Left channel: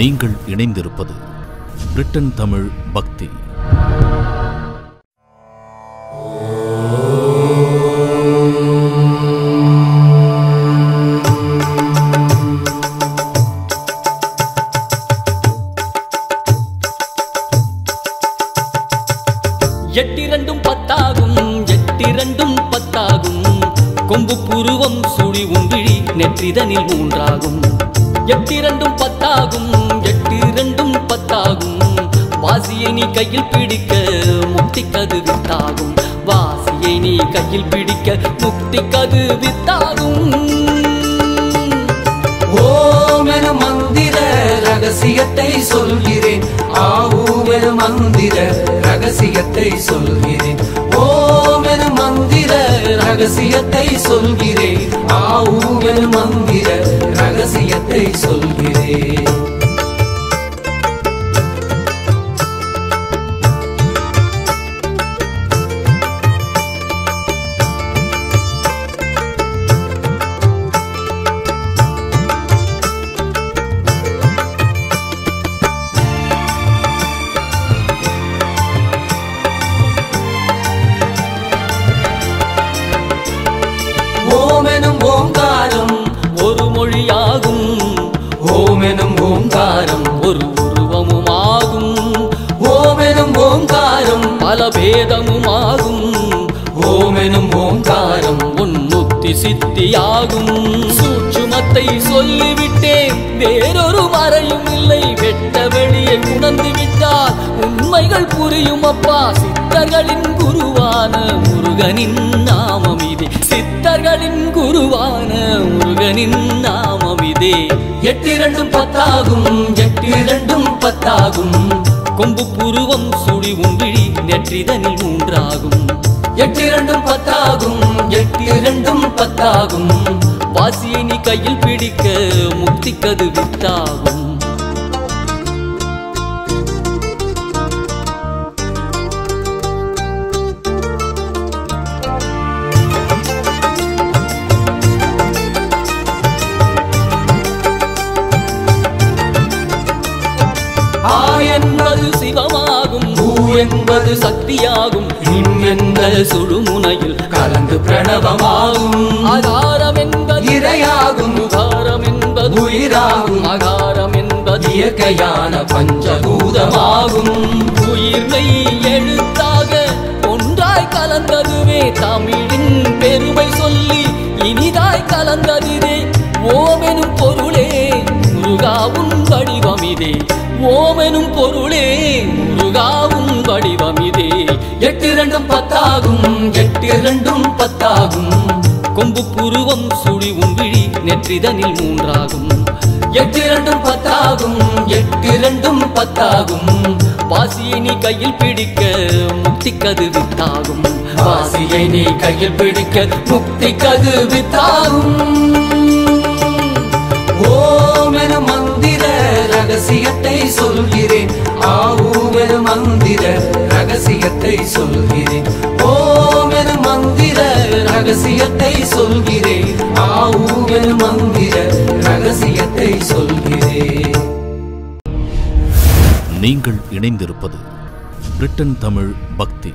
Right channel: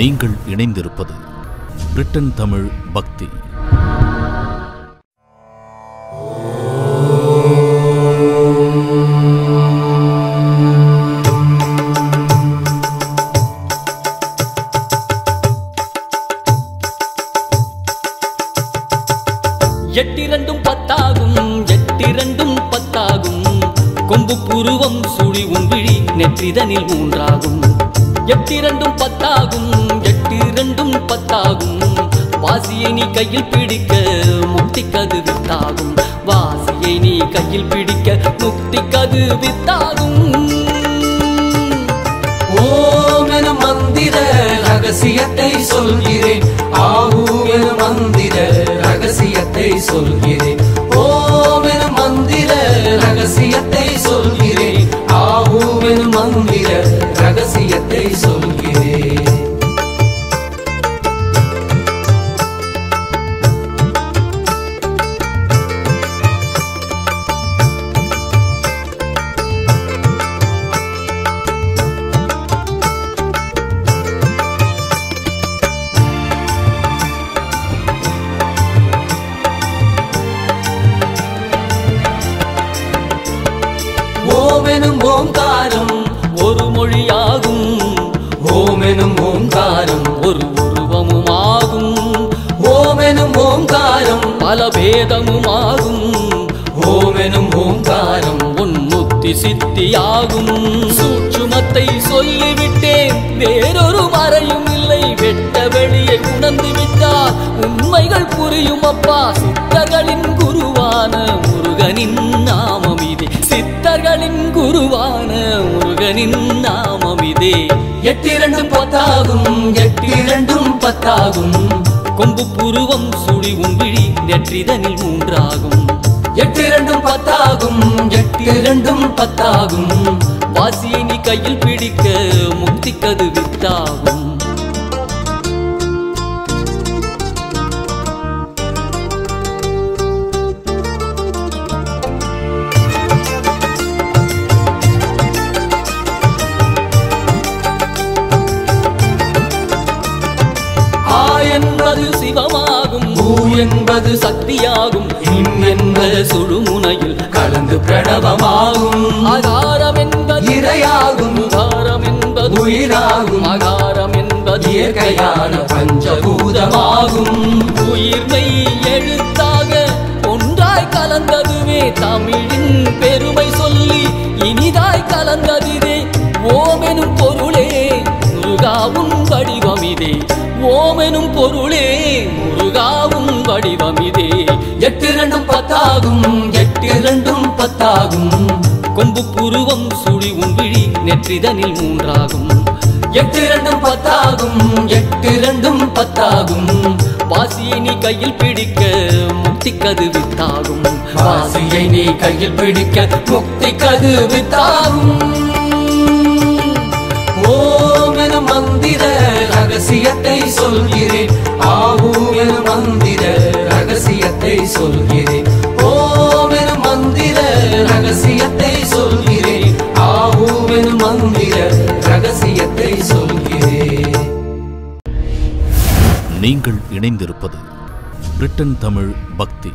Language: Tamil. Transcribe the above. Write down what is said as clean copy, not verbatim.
நீங்கள் இணைந்திருப்பது பிரிட்டன் தமிழ் பக்தி. எட்டிரண்டும் பத்தாகும், எட்டிரண்டும் பத்தாகும். கொம்பு புருவம் சுழி உன்விழி நெற்றிதனில் மூன்றாகும். எட்டிரண்டும் பத்தாகும், எட்டிரண்டும் பத்தாகும். வாசியை நீ கையில் பிடிக்க முக்திக்கது வித்தாகும். வாசியை நீ கையில் பிடிக்க முக்திக்கது வித்தாகும். ஓம் எனும் மந்திர ரகசியத்தை சொல்கிறேன். ஆவும் எனும் மந்திர ரகசியத்தை சொல்கிறேன். ஓம் எனும் மந்திர ரகசியத்தை சொல்கிறேன். ஆவும் எனும் மந்திர ரகசியத்தை சொல்கிறேன். ஓமெனும் ஓங்காரம் ஒரு மொழியாகும். ஓமெனும் ஓங்காரம் ஒரு உருவமுமாகும். ஓமெனும் ஓங்காரம் பல பேதமுமாகும். ஓமெனும் ஓங்காரம் உன்முத்தி சித்தியாகும். சூட்சுமத்தை சொல்லிவிட்டேன், வேறொரு மறையும் இல்லை. வெட்ட வெளியை உணர்ந்து விட்டால் உண்மைகள் புரியும் அப்பா. சித்தர்களின் குருவான முருகனின் நாமம் இதே. சித்தர்களின் குருவான முருகனின் நாமம் இதே. எட்டிரண்டும் பத்தாகும், எட்டிரண்டும் பத்தாகும். கொம்பு புருவம் சுழி உன்விழி நெற்றிதனில் மூன்றாகும். எட்டிரண்டும் பத்தாகும், எட்டிரண்டும் பத்தாகும். வாசியை நீ கையில் பிடிக்க முக்திக்கது வித்தாகும். என்பது சிவமாகும், பூ என்பது சக்தியாகும். இம் என்ற சுழுமுனையில் கலந்து பிரணவமாகும். ஆகாரம் என்பது இறையாகும், உகாரம் என்பது உயிராகும். அகாரம் என்பது இயற்கையான பஞ்சபூதமாகும். உயிர்மை எழுத்தாக ஒன்றாய் கலந்ததுவே தமிழின் பெருமை சொல்லி இனிதாய் கலந்ததிதே. ஓமெனும் பொருளே முருகாவும் வடிவமிதே. ஓமெனும் பொருளே முருகாவும் வடிவமிதே. எட்டிரண்டும் பத்தாகும், எட்டிரண்டும் பத்தாகும். கொம்பு புருவம் சுழி உன்விழி நெற்றிதனில் மூன்றாகும். எட்டிரண்டும் பத்தாகும், எட்டிரண்டும் பத்தாகும். வாசியை நீ கையில் பிடிக்க முக்திக்கது வித்தாகும். வாசியை நீ கையில் பிடிக்க முக்திக்கது வித்தாகும். ஓம் எனும் மந்திர ரகசியத்தை சொல்கிறேன். ஆவும் எனும் மந்திர ரகசியத்தை சொல்கிறேன். ஓம் எனும் மந்திர ரகசியத்தை சொல்கிறேன். ஆவும் எனும் மந்திர ரகசியத்தை சொல்கிறேன். நீங்கள் இணைந்திருப்பது பிரிட்டன் தமிழ் பக்தி.